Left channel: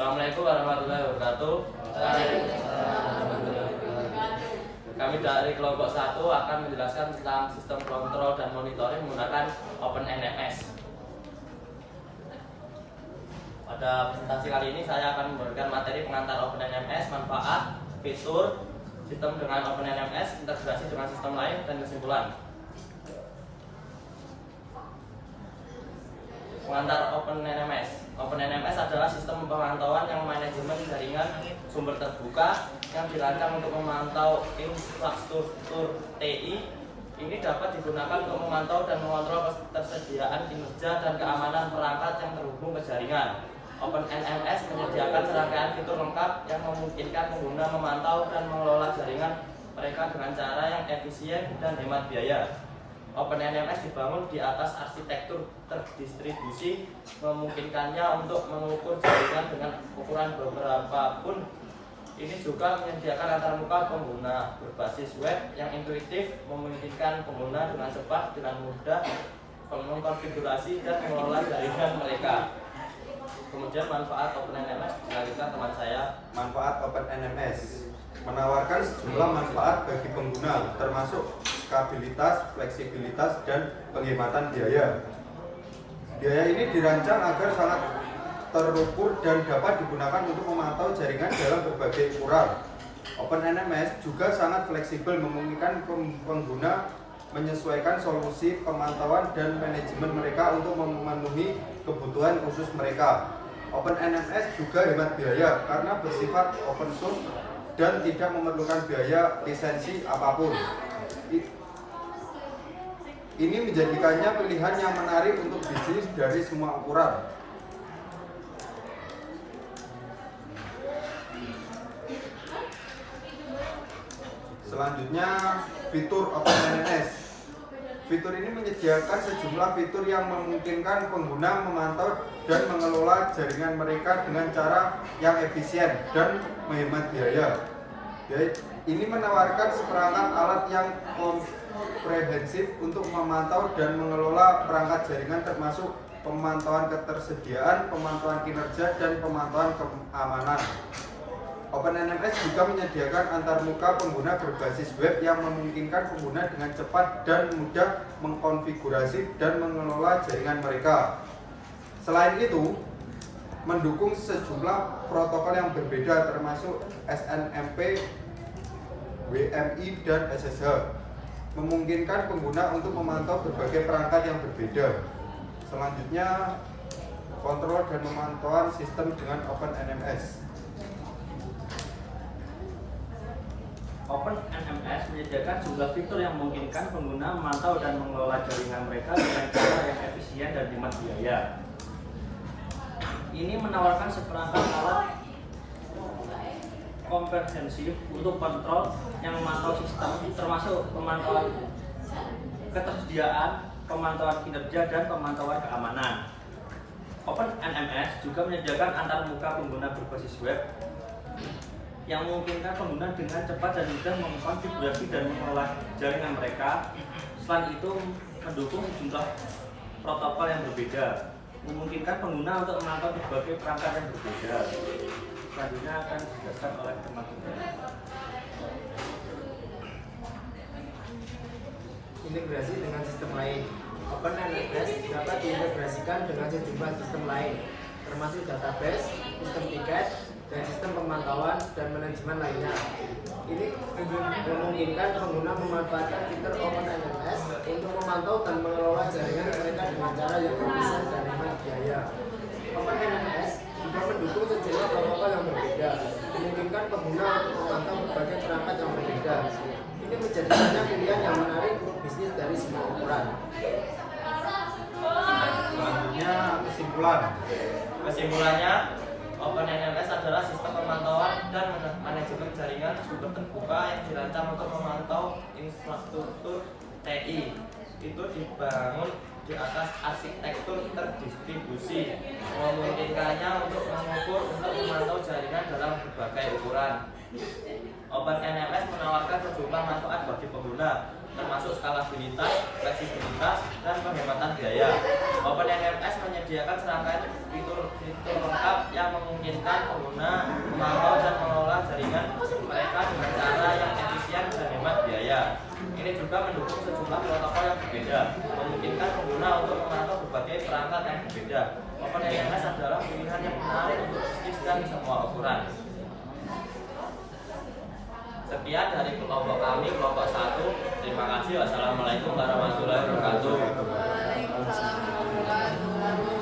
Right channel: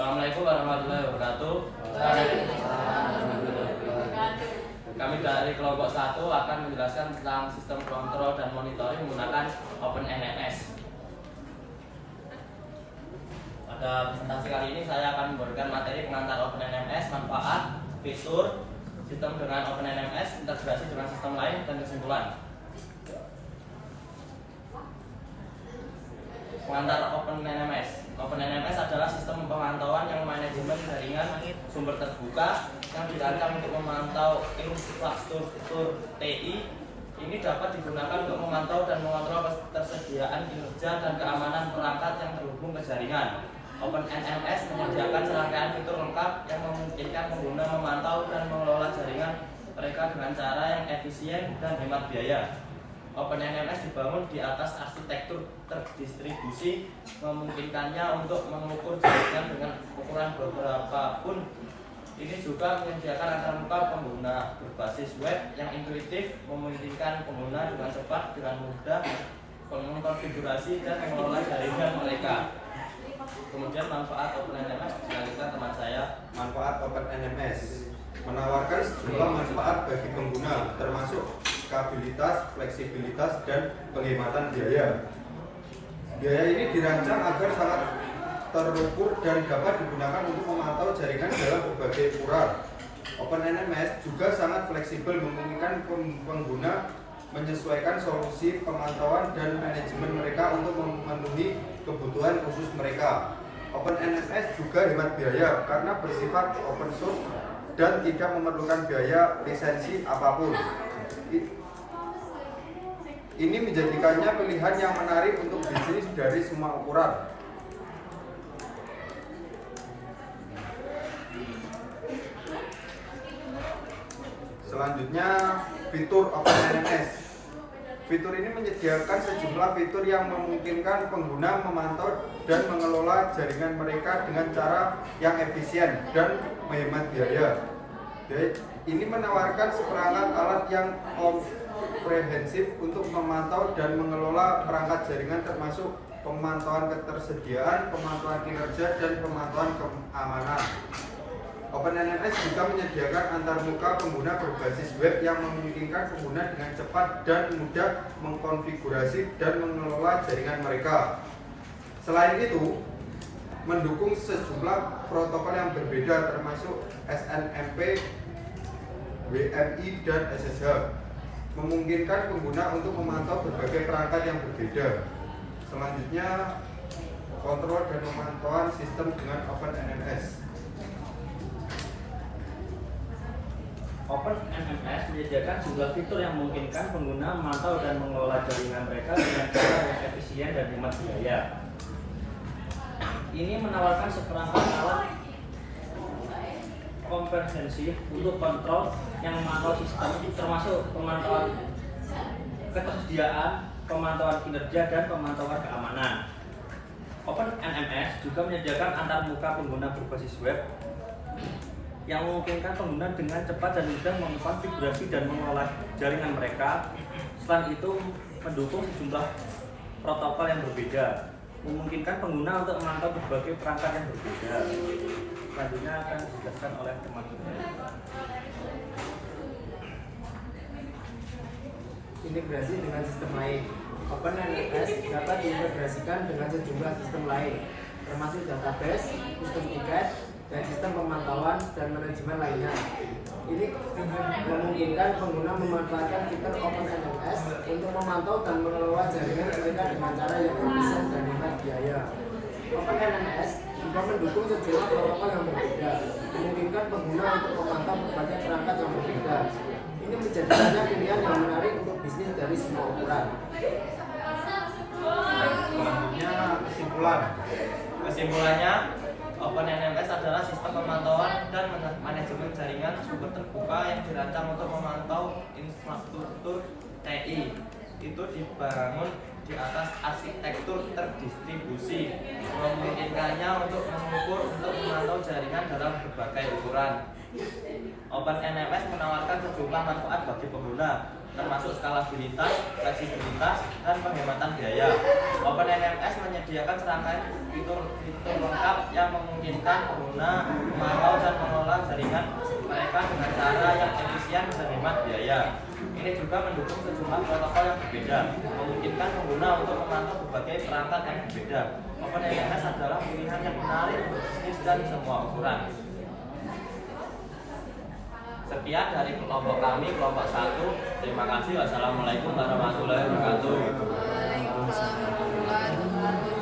Assalamualaikum warahmatullahi wabarakatuh. Kami dari kelompok 1 akan menjelaskan tentang sistem kontrol dan monitoring menggunakan OpenNMS. Pada presentasi kali ini saya akan memberikan materi pengantar OpenNMS, manfaat, fitur, sistem dengan OpenNMS, integrasi dengan sistem lain, dan kesimpulan. Pengantar OpenNMS. OpenNMS adalah sistem pemantauan yang manajemen jaringan sumber terbuka yang dirancang untuk memantau infrastruktur TI. Ini dapat digunakan untuk memantau dan mengontrol ketersediaan kinerja dan keamanan perangkat yang terhubung ke jaringan. OpenNMS menyediakan serangkaian fitur lengkap yang memungkinkan pengguna memantau dan mengelola jaringan mereka dengan cara yang efisien dan hemat biaya. OpenNMS dibangun di atas arsitektur terdistribusi, memungkinkannya untuk mengukur jaringan dengan ukuran berapapun. Ini juga menyediakan antarmuka pengguna berbasis web yang intuitif, memungkinkan pengguna dengan cepat, dengan mudah mengkonfigurasi dan mengelola jaringan mereka. Kemudian manfaat OpenNMS dilanjutkan teman saya. Manfaat OpenNMS menawarkan sejumlah manfaat bagi pengguna, termasuk stabilitas, fleksibilitas, dan penghematan biaya. Biaya ini dirancang agar sangat terukur dan dapat digunakan untuk memantau jaringan dalam berbagai ukuran. OpenNMS juga sangat fleksibel, memungkinkan pengguna menyesuaikan solusi pemantauan dan manajemen mereka untuk memenuhi kebutuhan khusus mereka. OpenNMS juga hemat biaya karena bersifat open source dan tidak memerlukan biaya lisensi apapun. Ini menjadikannya pilihan yang menarik untuk bisnis dari semua ukuran. Selanjutnya, fitur OpenNMS. Fitur ini menyediakan sejumlah fitur yang memungkinkan pengguna memantau dan mengelola jaringan mereka dengan cara yang efisien dan menghemat biaya. Ini menawarkan seperangkat alat yang komprehensif untuk memantau dan mengelola perangkat jaringan, termasuk pemantauan ketersediaan, pemantauan kinerja, dan pemantauan keamanan. OpenNMS juga menyediakan antarmuka pengguna berbasis web yang memungkinkan pengguna dengan cepat dan mudah mengkonfigurasi dan mengelola jaringan mereka. Selain itu, mendukung sejumlah protokol yang berbeda termasuk SNMP, WMI, dan SSH, memungkinkan pengguna untuk memantau berbagai perangkat yang berbeda. Selanjutnya, kontrol dan pemantauan sistem dengan OpenNMS. OpenNMS menyediakan juga fitur yang memungkinkan pengguna memantau dan mengelola jaringan mereka dengan cara yang efisien dan hemat biaya. Ini menawarkan seperangkat alat komprehensif untuk kontrol yang memantau sistem, termasuk pemantauan ketersediaan, pemantauan kinerja, dan pemantauan keamanan. OpenNMS juga menyediakan antarmuka pengguna berbasis web yang memungkinkan pengguna dengan cepat dan mudah mengkonfigurasi dan mengelola jaringan mereka. Selain itu, mendukung sejumlah protokol yang berbeda, memungkinkan pengguna untuk memantau berbagai perangkat yang berbeda. Selanjutnya akan dijelaskan oleh teman-teman. Integrasi dengan sistem lain. OpenNMS dapat diintegrasikan dengan sejumlah sistem lain, termasuk database, sistem tiket, dan sistem pemantauan dan manajemen lainnya. Ini memungkinkan pengguna memanfaatkan fitur OpenNMS untuk memantau dan mengelola jaringan mereka dengan cara yang efisien dan hemat biaya. OpenNMS juga mendukung sejumlah protokol yang berbeda, memungkinkan pengguna untuk memantau berbagai perangkat yang berbeda. Ini menjadikannya pilihan yang menarik untuk bisnis dari semua ukuran. Selanjutnya, kesimpulan. Kesimpulannya, OpenNMS adalah sistem pemantauan dan manajemen jaringan sumber terbuka yang dirancang untuk memantau infrastruktur TI. Itu dibangun di atas arsitektur terdistribusi, memungkinkannya untuk mengukur untuk memantau jaringan dalam berbagai ukuran. OpenNMS menawarkan sejumlah manfaat bagi pengguna, termasuk skalabilitas, fleksibilitas, dan penghematan biaya. OpenNMS menyediakan serangkaian fitur lengkap yang memungkinkan pengguna memantau dan mengelola jaringan mereka dengan cara yang efisien dan hemat biaya. Ini juga mendukung sejumlah protokol yang berbeda, memungkinkan pengguna untuk memantau berbagai perangkat yang berbeda. OpenNMS adalah pilihan yang menarik untuk bisnis dan semua ukuran. Sekian dari kelompok kami, kelompok 1. Terima kasih. Wassalamualaikum warahmatullahi wabarakatuh.